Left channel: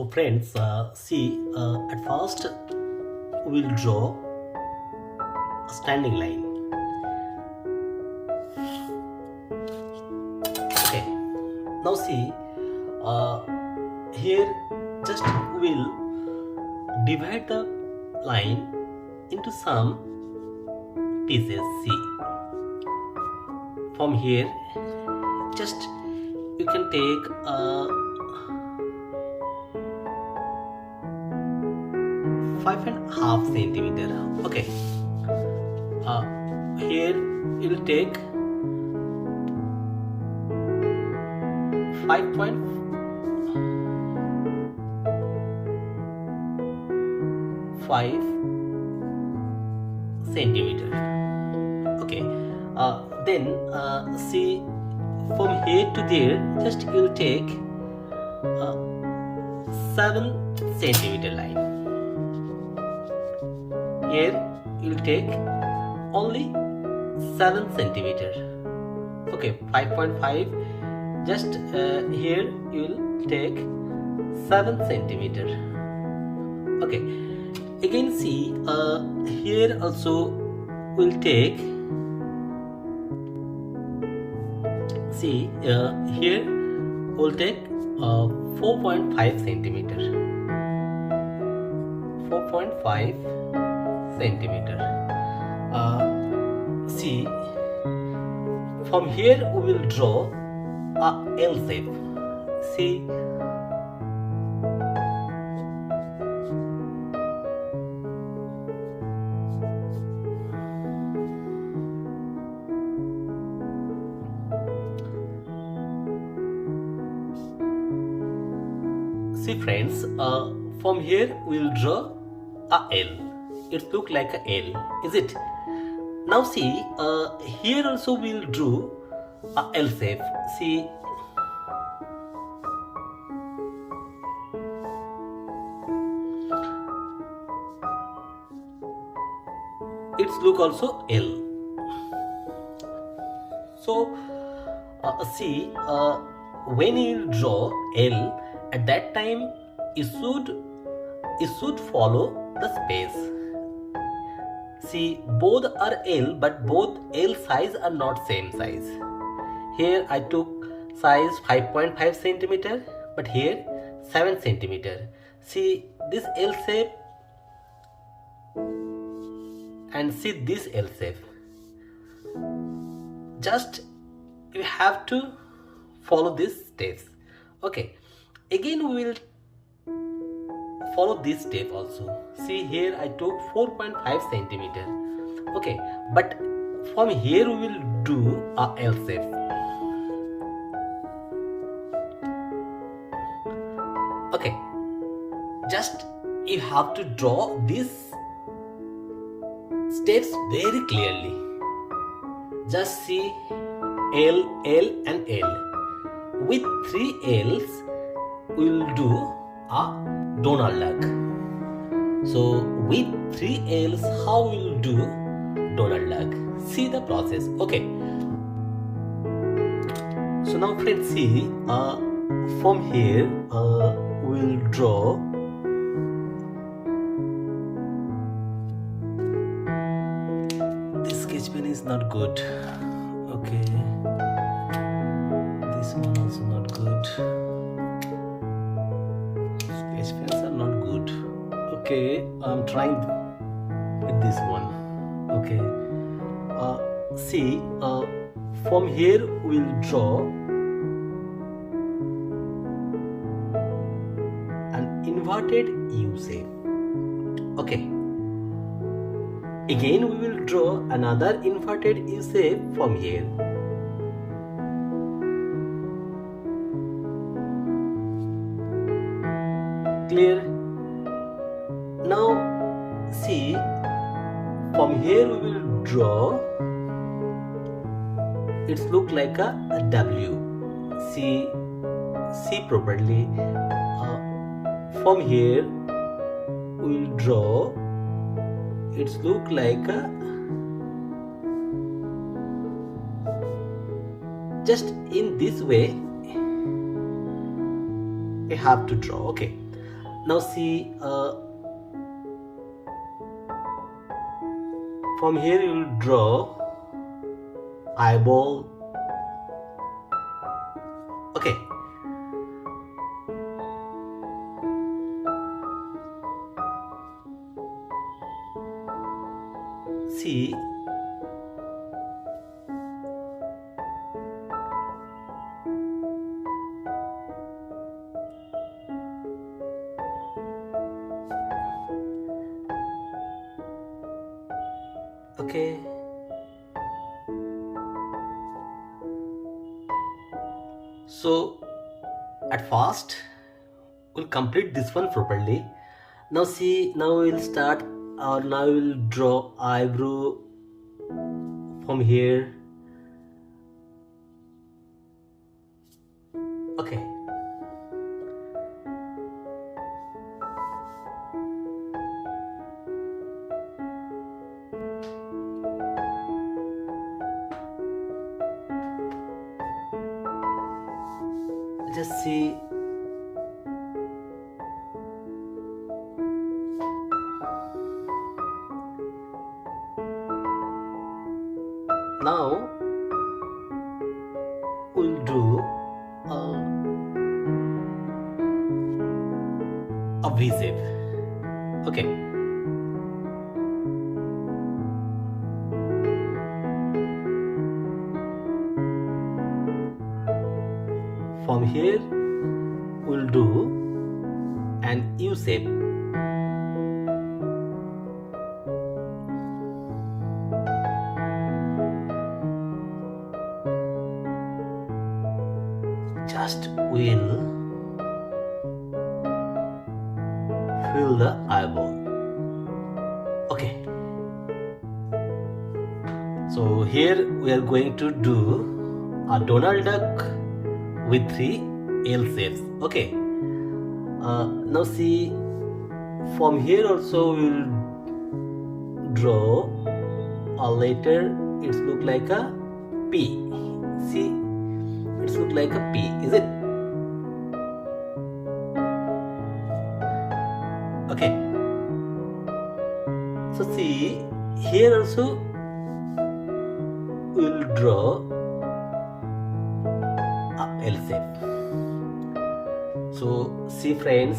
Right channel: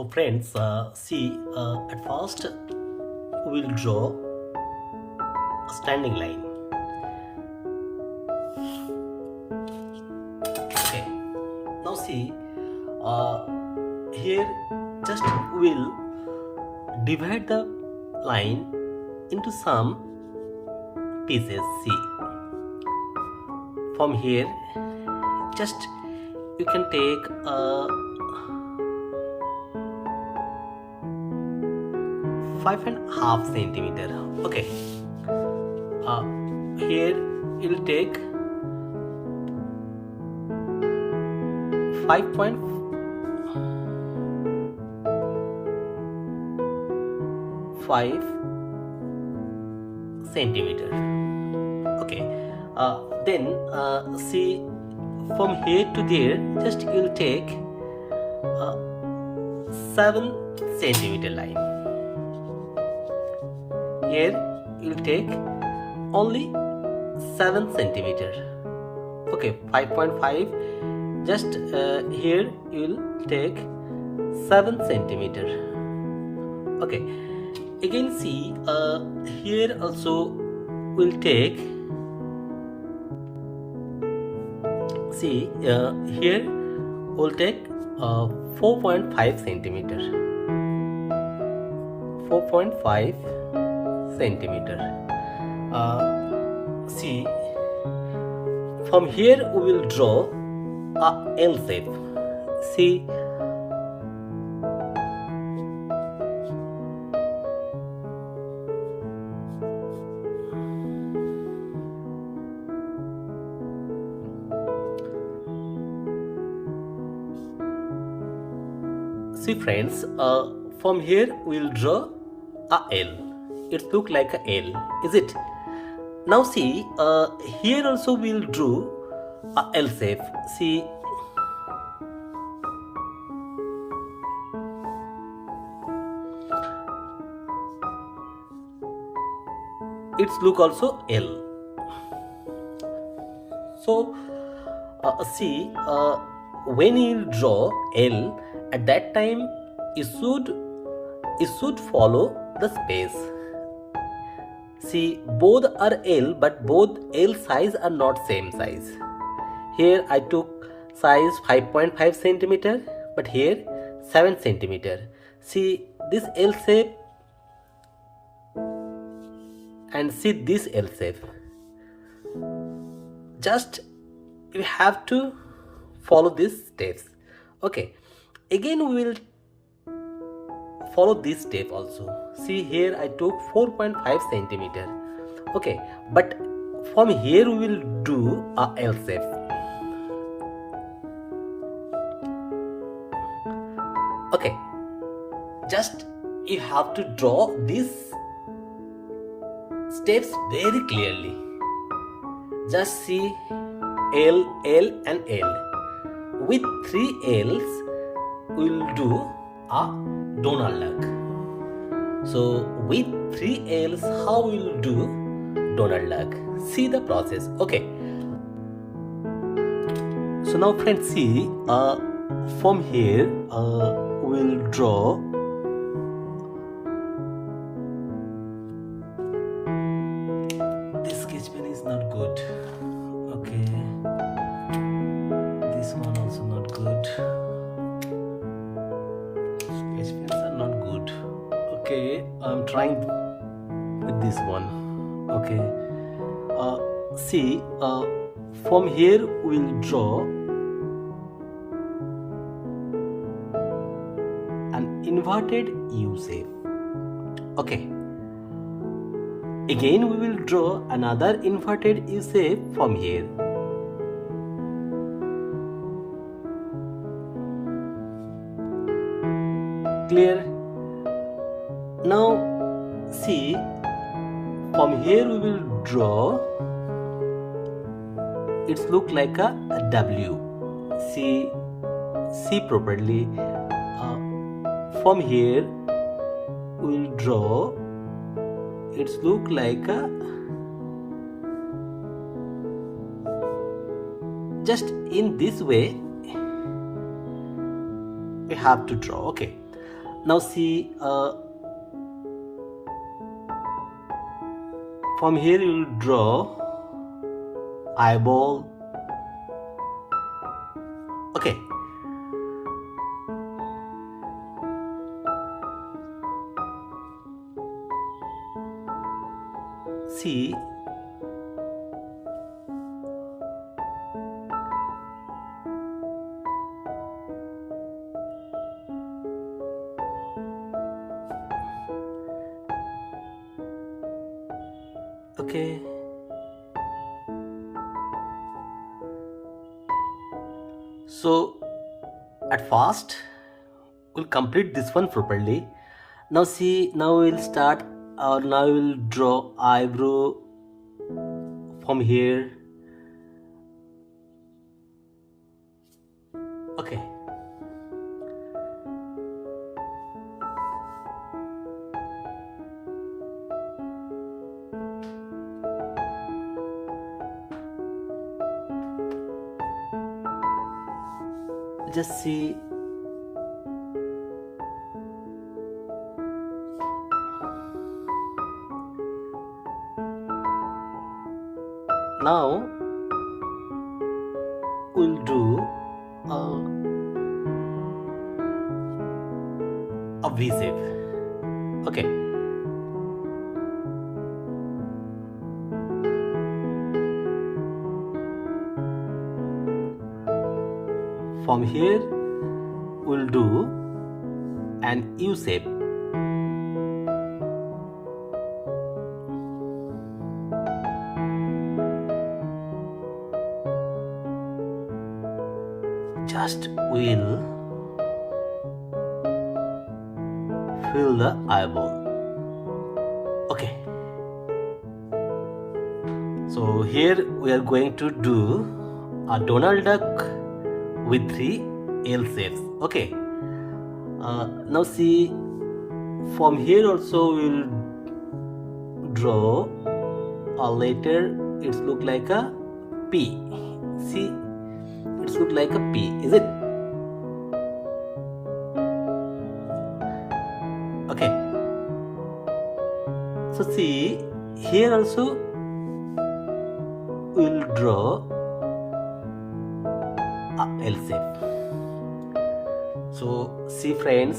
So friends, see, at first we'll draw a standing line. Okay, now see, here just we'll divide the line into some pieces. See, from here just you can take a 5.5 centimeter. Okay, here you'll take 5.5 centimeter. Okay, then see, from here to there just you'll take 7 centimeter line. Here you'll take only 7 centimeter. Okay, 5.5, just here you'll take 7 centimeter. Okay, again see, here also we'll take, see, here we'll take 4.5 centimeter. 4.5 centimeter. See, from here we will draw a L shape. See, see friends, from here we will draw a L. It looks like a L, is it? Now see, here also we will draw a L shape. See, its look also L. So see, when you draw L, at that time you should follow the space. See, both are L, but both L size are not same size. Here I took size 5.5 centimeter, but here 7 centimeter. See this L shape and see this L shape. Just you have to follow these steps. Okay, again we will follow this step also. See, here I took 4.5 centimeter. Okay, but from here we will do a L shape. Okay, just you have to draw these steps very clearly. Just see L, L and L. With 3 L's we will do a Donald Duck. So with 3 L's, how we will do Donald Duck? See the process. Okay. So now friends, see, from here we'll draw this sketch pen is not good. Okay, this one also not good. Sketch pens are not good. Okay, I'm trying with this one. Okay, see, from here we'll draw an inverted U shape. Okay, again we will draw another inverted U shape from here. Clear? Now see, from here we will draw, it's look like a W. See properly. From here we will draw, it's look like a, just in this way we have to draw. Okay, Now see, from here you will draw eyeball. Okay. See, okay. So at first we'll complete this one properly. Now see, now we'll start, or now we'll draw eyebrow from here. Okay. Just see, now we'll do a V shape. Okay. From here we'll do an U shape. Just we'll fill the eyeball. Okay. So here we are going to do a Donald Duck with 3 L shapes. Okay. Now see, from here also we will draw a letter. It look like a P. See, it look like a P. Is it? Okay. So see, here also we will draw L shape. So see friends,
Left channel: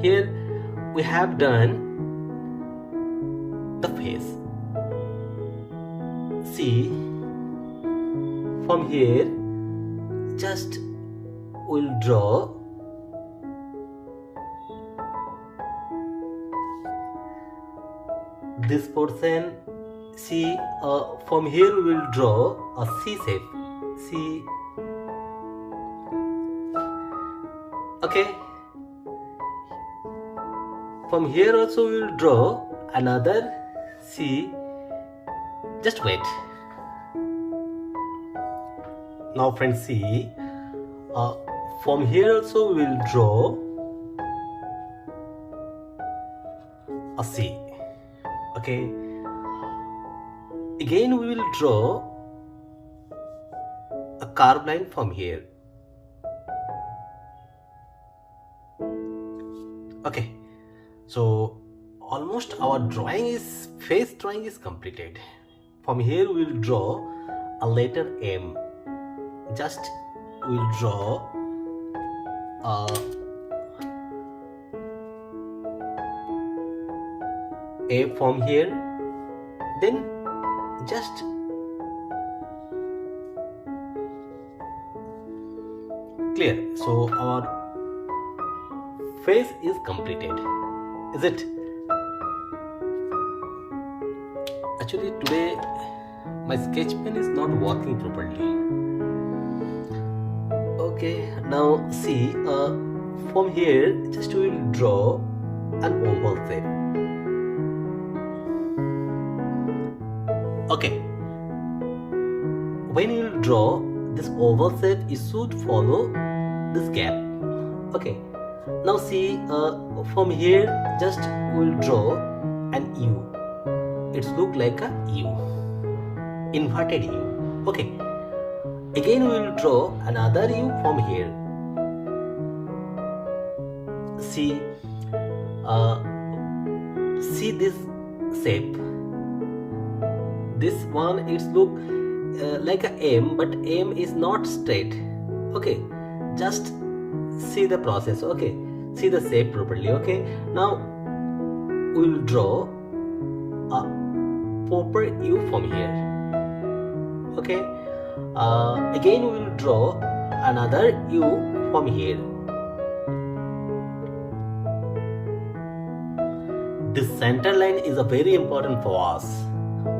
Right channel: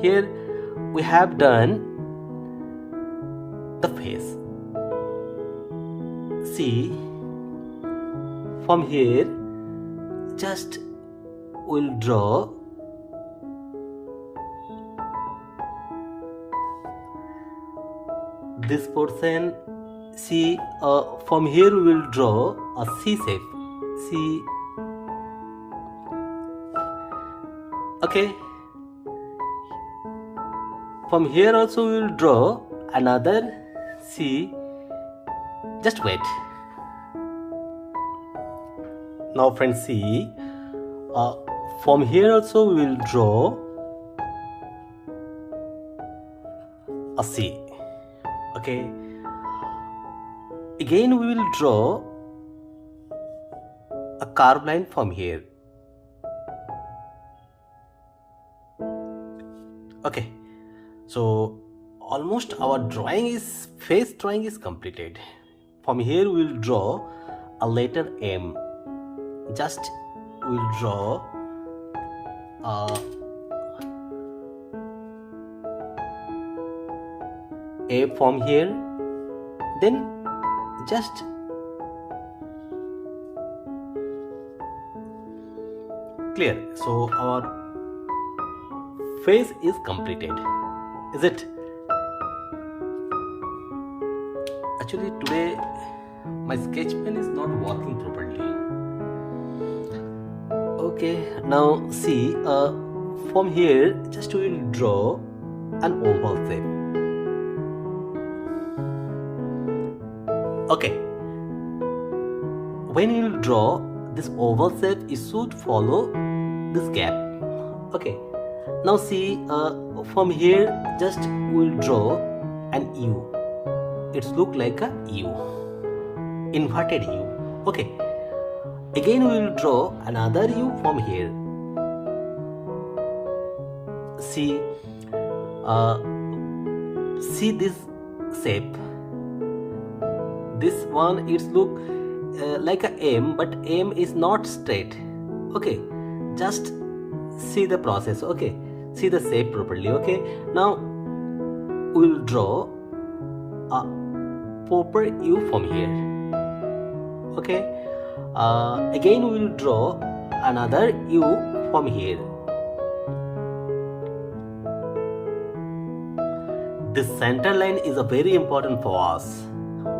here we have done the face. See, from here just we'll draw this portion. See, from here we will draw a C shape. See. Okay. From here also we will draw another C. Just wait. Now friends, see, from here also we will draw a C. Okay. Again we will draw a curved line from here. Okay, so almost our face drawing is completed. From here we will draw a letter M. Just we will draw A from here, then just clear. So our face is completed. Is it? Actually today my sketch pen is not working properly. Okay, now see, from here just we will draw an oval shape. Okay, when you draw this oval shape, it should follow this gap. Okay, now see, from here just we will draw an U. It looks like a U, inverted U. Okay, again we will draw another U from here. See, uh, see this shape. This one, it's look like a M, but M is not straight. Okay, just see the process. Okay, see the shape properly. Okay, now we'll draw a proper U from here. Okay, again we will draw another U from here. This center line is a very important for us.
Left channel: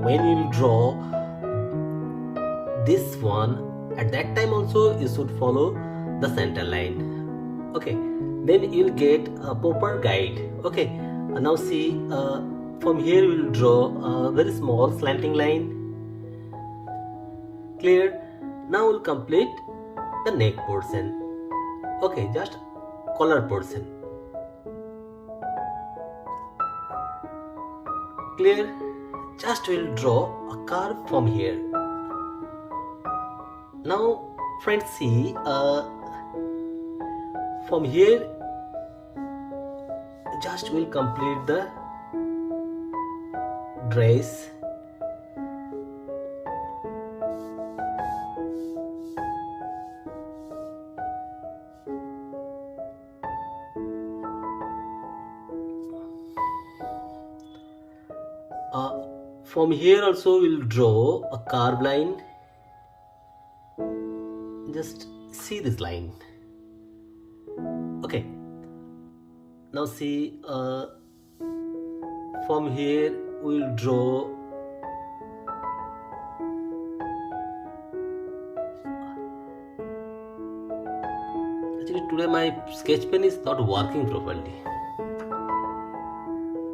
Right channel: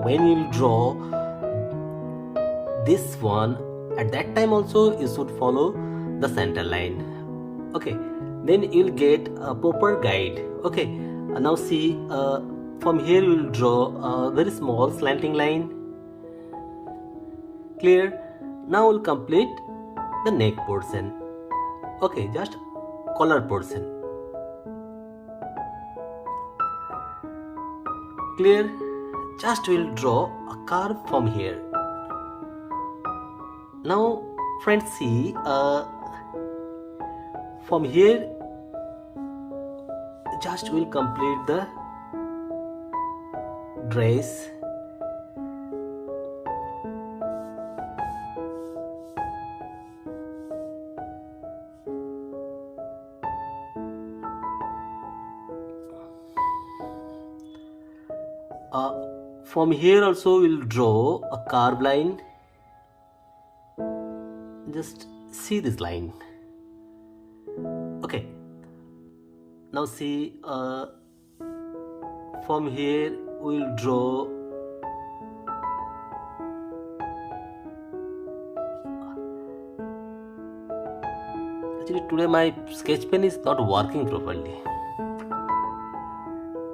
When you draw this one, at that time also you should follow the center line. Okay, then you'll get a proper guide. Okay, now see, from here you will draw a very small slanting line. Clear? Now we'll complete the neck portion. Okay, just collar portion. Clear? Just we'll draw a curve from here. Now friends, see, from here just we'll complete the dress. From here also we'll draw a curved line. Just see this line. Okay, now see, from here we'll draw actually today my sketch pen is not working properly.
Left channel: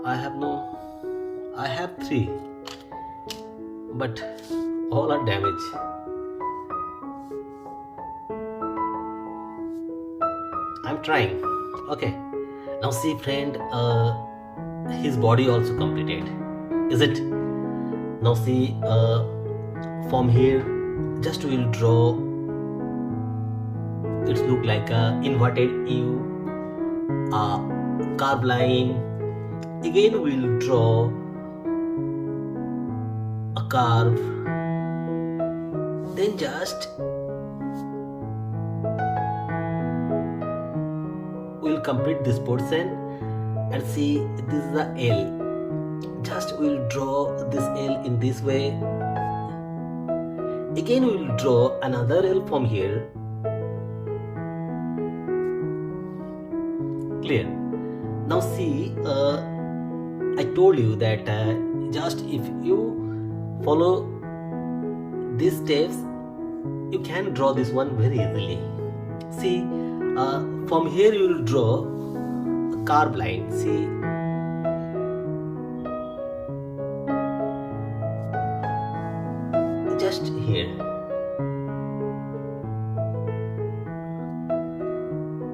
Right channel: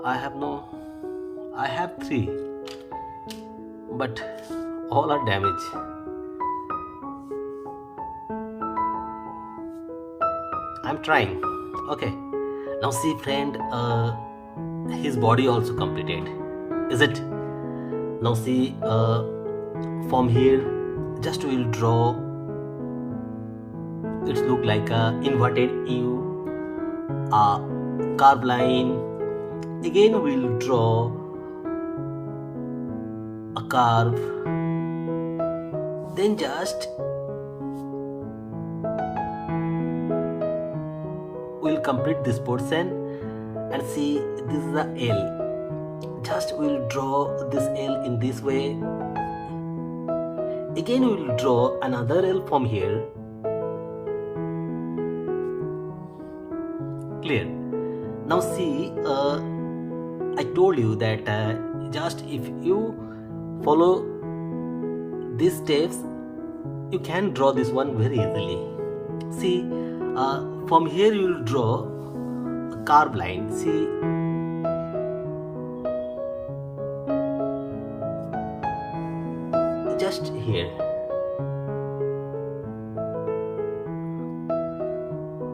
I have 3, but all are damaged. I'm trying. Okay, now see friend, his body also completed, is it? Now see, from here just we'll draw, it look like a inverted U, a curved line. Again we'll draw a curve, then just we'll complete this portion. And see, this is the L. Just we'll draw this L in this way. Again we'll draw another L from here. Clear? Now see, I told you that just if you follow these steps, you can draw this one very easily. See, from here you will draw a curved line. See, just here.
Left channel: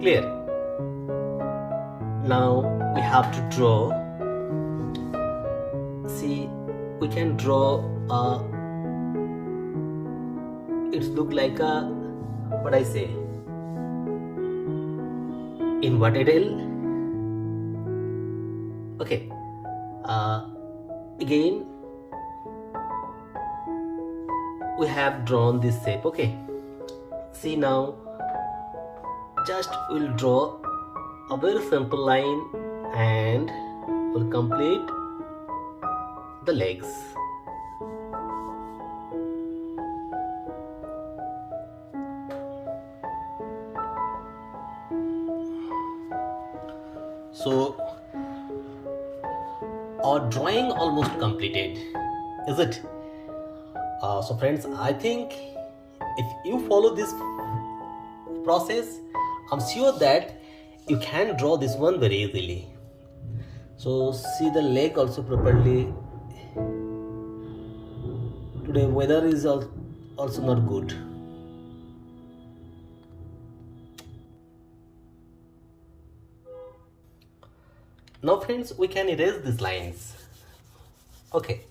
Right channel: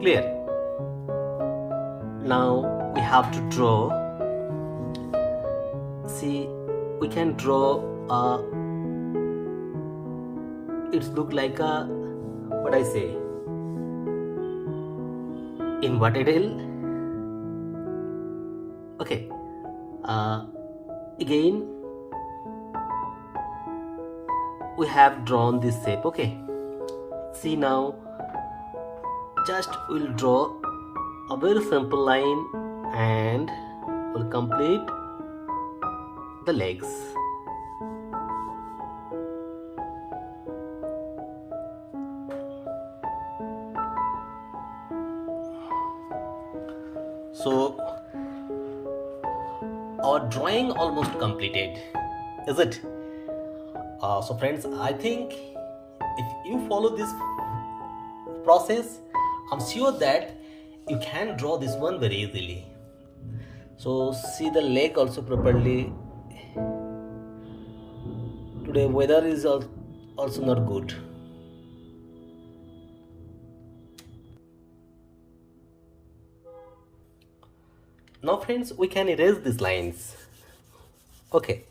Clear? Now we have to draw. See, we can draw it's look like a, what I say, inverted L. Okay, again we have drawn this shape. Okay, see, now just we'll draw a very simple line and we'll complete the legs. So our drawing almost completed, is it? So friends, I think if you follow this process, I'm sure that you can draw this one very easily. So see the leg also properly. Today weather is also not good. Now friends, we can erase these lines. Okay,